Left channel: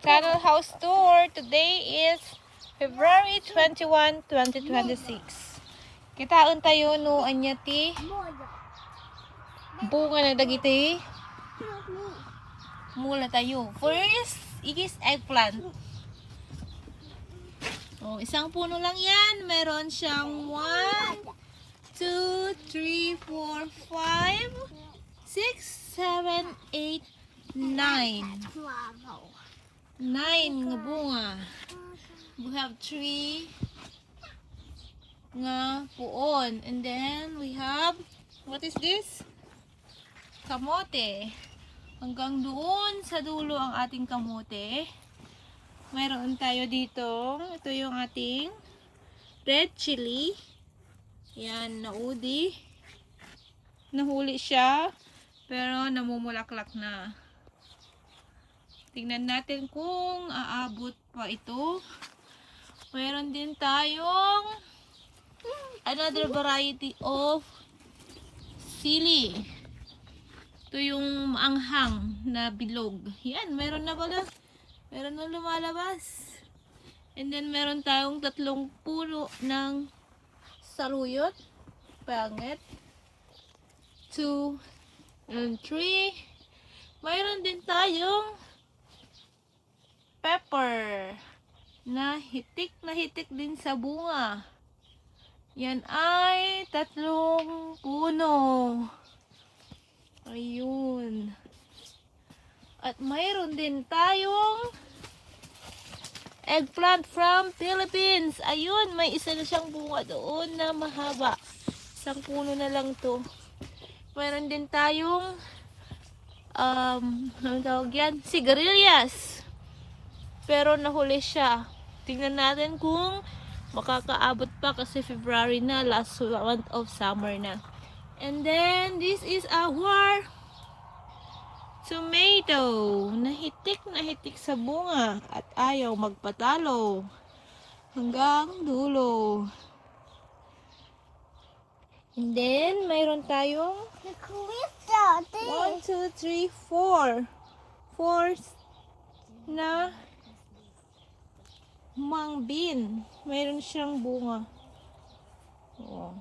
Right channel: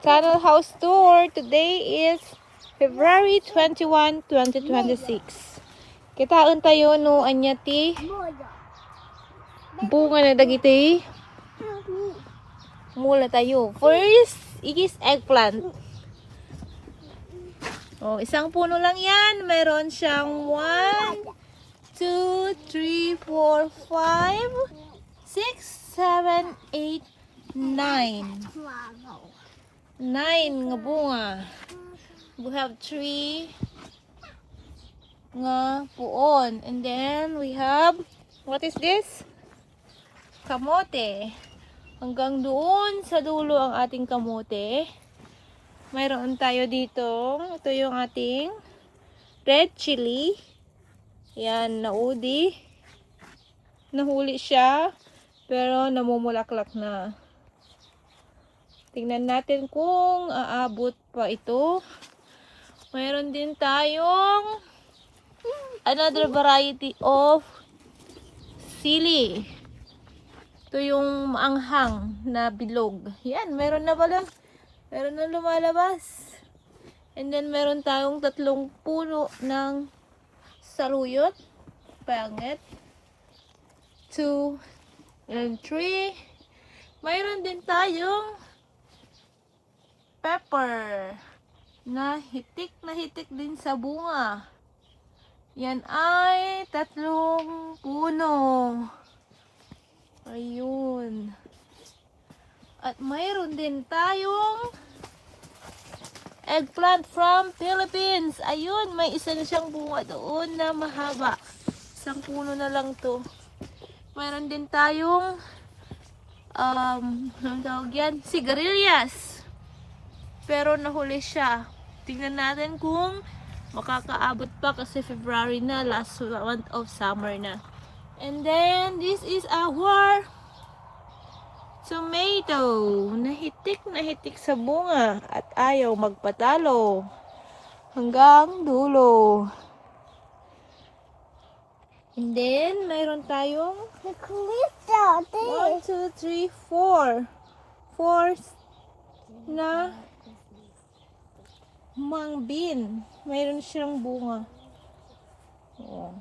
Tunnel House Tour. Today is February 21, 2026. Kitaon tayo no anya ti bunga na dagiti. Mula tayo. First is eggplant. Oh, isang puno lang yan. Meron siyang 1, 2, 3, 4, 5, 6, 7, 8, 9. 9 nga bunga. We have 3 nga puon. And then we have, what is this? Kamote. Hanggang doon sa dulo ang ating kamote. Mayroon tayo dito. Ito yung ating red chili. Yan, naudi. Nahuli siya. Pero namumulaklak na. Tingnan natin kung aabot pa ito. Mayroon din tayong another variety of sili. Ito yung maanghang na bilog. Yan, meron na pala. Meron na lumalabas. And then meron tayong 3 puno ng saluyot. Pangit. 2 and 3. Mayroon din tayong pepper na hitik din sa bunga. Yan ay 3 puno. Ayun. At mayroon din tayong eggplant from Philippines. Ayun, may isa na siyang bunga doon na mahaba. Isang puno na lang to. Mayroon din tayong anong tawag yan? Sigarilyas. Pero nahuli siya. Tingnan natin kung makakaabot pa kasi February na, last month of summer na. And then this is our tomato. Nahitik sa bunga at ayaw magpatalo hanggang dulo. And then mayroon tayong 1, 2, 3, 4 na mung bean. Mayroon siyang bunga. Oh.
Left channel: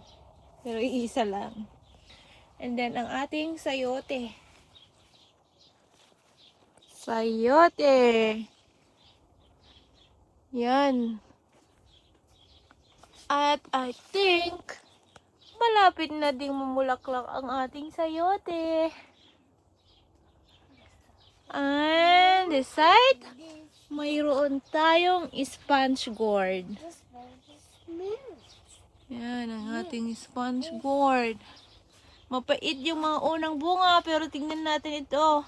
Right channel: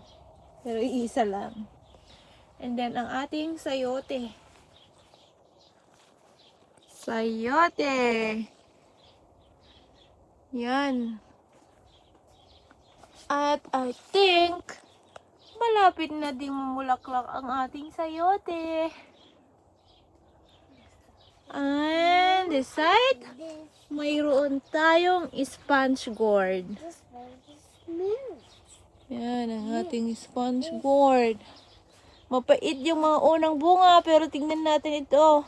Pero iisa lang. And then ang ating sayote. Sayote. Yan. At I think malapit na ding mamulaklak ang ating sayote. And this side, mayroon tayong sponge gourd. Yan ang ating sponge gourd. Mapait yung mga unang bunga, pero tingnan natin ito.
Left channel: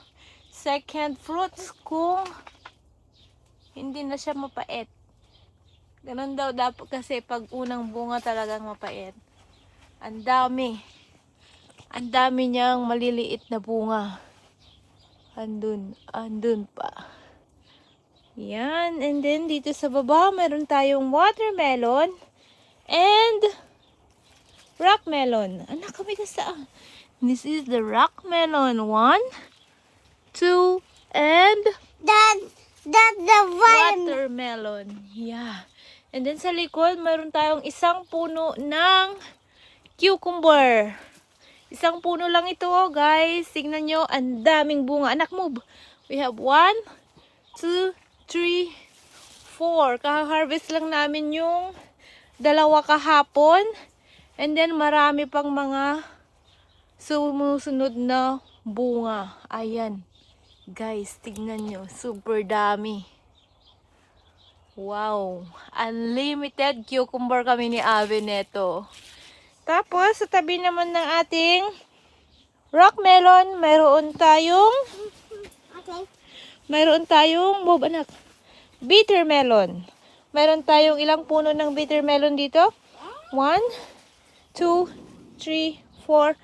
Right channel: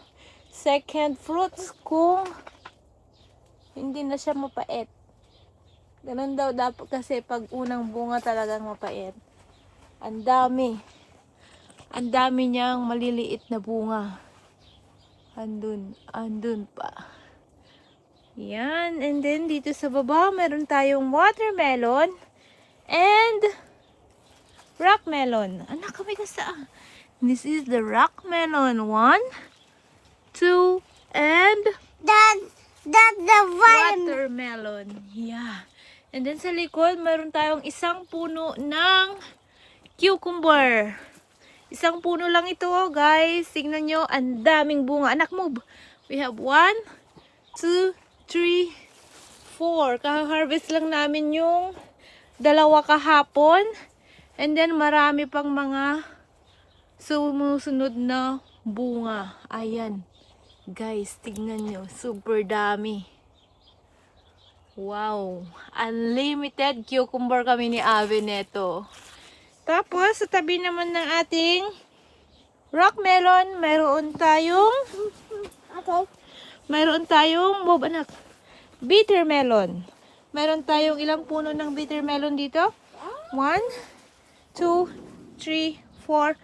Second fruits kung hindi na siya mapait. Ganun daw dapat kasi pag unang bunga talagang mapait. Ang dami. Ang dami niyang maliliit na bunga. Andun pa. Yan. And then dito sa baba, meron tayong watermelon and rock melon. Anak, kami gusto. This is the rock melon. 1, 2, and That's the one. watermelon. Yeah. And then sa likod, meron tayong isang puno ng cucumber. Isang puno lang ito, guys. Tingnan nyo, ang daming bunga. Anak, move. We have 1, 2, 3, 4. Kaha-harvest lang namin yung 2 kahapon. And then marami pang mga sumusunod na bunga. Ayan. Guys, tingnan nyo. Super dami. Wow. Unlimited cucumber kami ni Ave neto. Tapos, sa tabi naman ng ating rock melon, mayroon tayong move, anak, bitter melon. Mayroon tayong ilang puno ng bitter melon dito? 1, 2, 3, 4,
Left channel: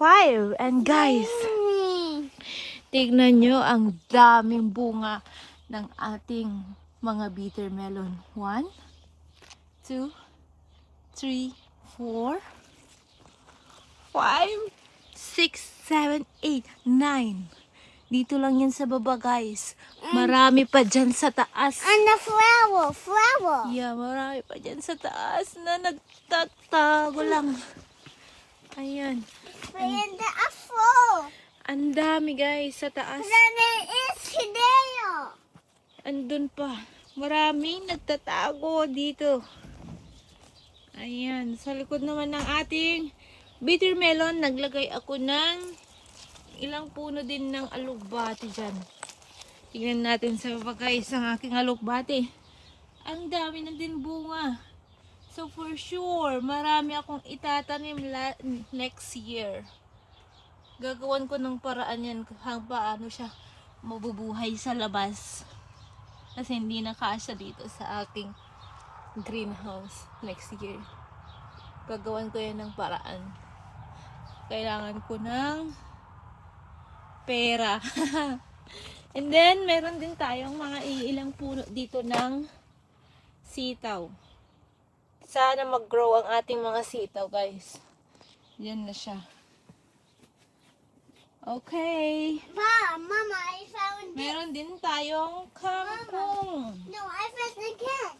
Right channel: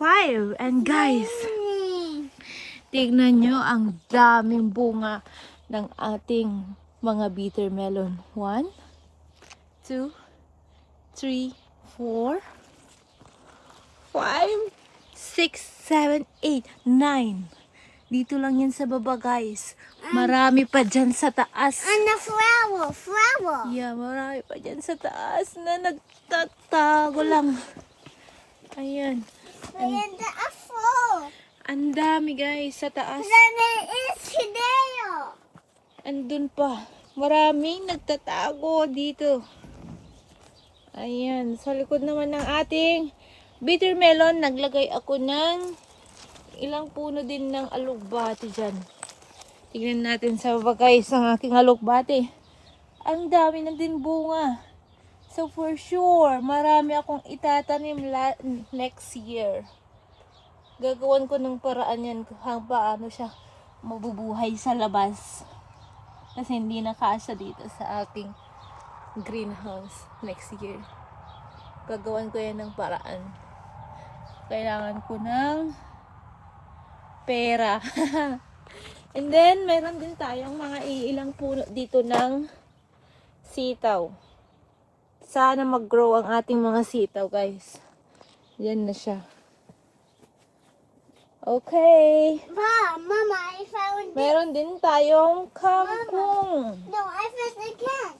5. And guys, tignan nyo ang daming bunga ng ating mga bitter melon. 1, 2, 3, 4, 5, 6, 7, 8, 9. Dito lang yan sa baba, guys. Marami pa dyan sa taas. And the flower. Yeah, marami pa dyan sa taas na nagtatago lang. Ayan. And the apple. Ang dami, guys, sa taas. Then there is Hideo. Andun pa. Maraming nagtatago dito. Ayan. Sa likod naman ng ating bitter melon, naglagay ako ng ilang puno din ng alugbati dyan. Tingnan natin sa baba, guys, ang aking alugbati. Ang dami na din bunga. So for sure, marami akong itatanim next year. Gagawan ko ng paraan yan kung paano siya mabubuhay sa labas. Kasi hindi na kasya dito sa aking greenhouse next year. Gagawan ko yan ng paraan. Kailangan ko ng pera. And then, meron din tayong mga ilang puno dito ng sitaw. Sana mag-grow ang ating mga sitaw, guys. Yan na siya. Okay. Mama, I found Meron din tayong kangkong. No, I found the cat.